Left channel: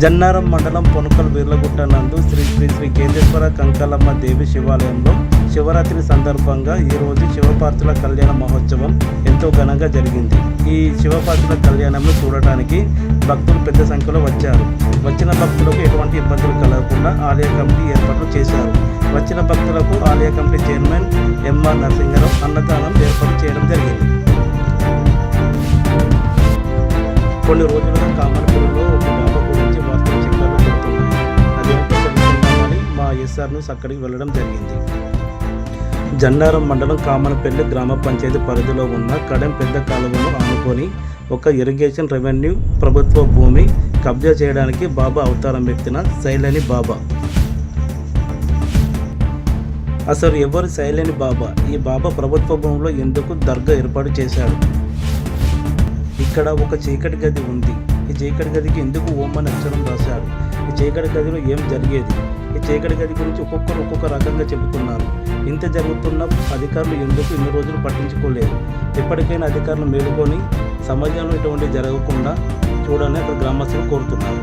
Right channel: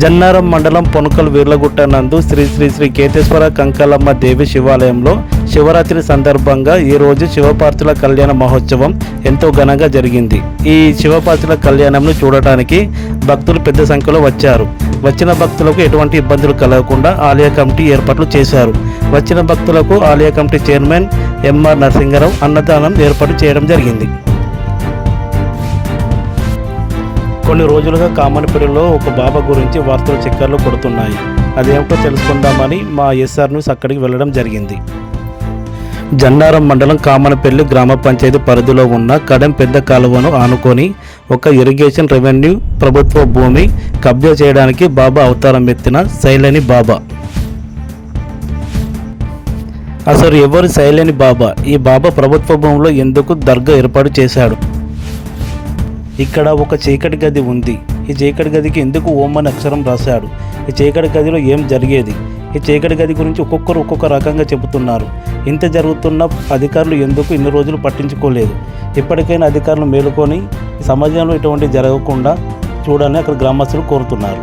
జన్నారం మండలం పొనకల్ వీర్లగుట్ట నందు శ్రీ శ్రీ శ్రీ కేతేశ్వర కంకాలమ్మ దేవి శివాలయంలో శివరాత్రి సందర్భంగా ఈరోజు శివపార్వతుల కళ్యాణ మహోత్సవం ఎంతో ఘనంగా జరిగింది. ఈ శివపార్వతుల కళ్యాణంను చూడటానికి భక్తులు పెద్ద సంఖ్యలో వచ్చారు. వచ్చిన భక్తులకు ఎటువంటి ఇబ్బందులు కలగకుండా ఆలయ కమిటీ ఏర్పాట్లు చేశారు. వచ్చిన భక్తులకు ఆలయ కమిటీ చైర్మన్ ఎంఆర్ నరసింగరావు అన్నదానం ఏర్పాటు చేయడం జరిగింది. కొన్ని రోజులుగా కామనపల్లిలో ఒక బాబా గురించి వార్తలు చక్కర్లు కొడుతున్నాయి. అదేమిటో తెలుసుకుందామని మా ఎస్ఆర్ న్యూస్ అక్కడికి వెళ్ళడం జరిగింది. జన్నారం మండలం కామనపల్లి గ్రామ పంచాయతీ పరిధిలో ఉన్న కడెం పెద్ద కాలువను ఆనుకొని ఒక ఇరిగేషన్ రెవెన్యూ ప్రభుత్వ భూమి కబ్జా చేయడానికి బాబా అవతారం ఎత్తిన శైలేని బాబా. అసలు ఎవరు శైలేని బాబా? ఈ బాబా ప్రభుత్వ భూమిలో ఎందుకు దర్గా ఏర్పాటు చేశాడు? ఇక్కడ ఒక చీకటి గది ఉంది. ఈ చీకటి గదికి ఎందుకు ఓం అని అక్షరం రాశాడు? ఈ చీకటి గదిలో ఏం జరిగేది? ఈ చీకటి గది గురించి ఒక్కొక్కరు ఒక్కొక్క రకంగా చెబుతున్నారు. ఇంత జరుగుతున్న అధికారులు ఎందుకు ఇన్ని రోజులు పట్టించుకోలేదు? ఇప్పటికైనా అధికారులు మేలుకొని సమాజంలో ఇటువంటి జరగకుండా చూడాలని అక్కడ గ్రామస్తులు కోరుతున్నారు.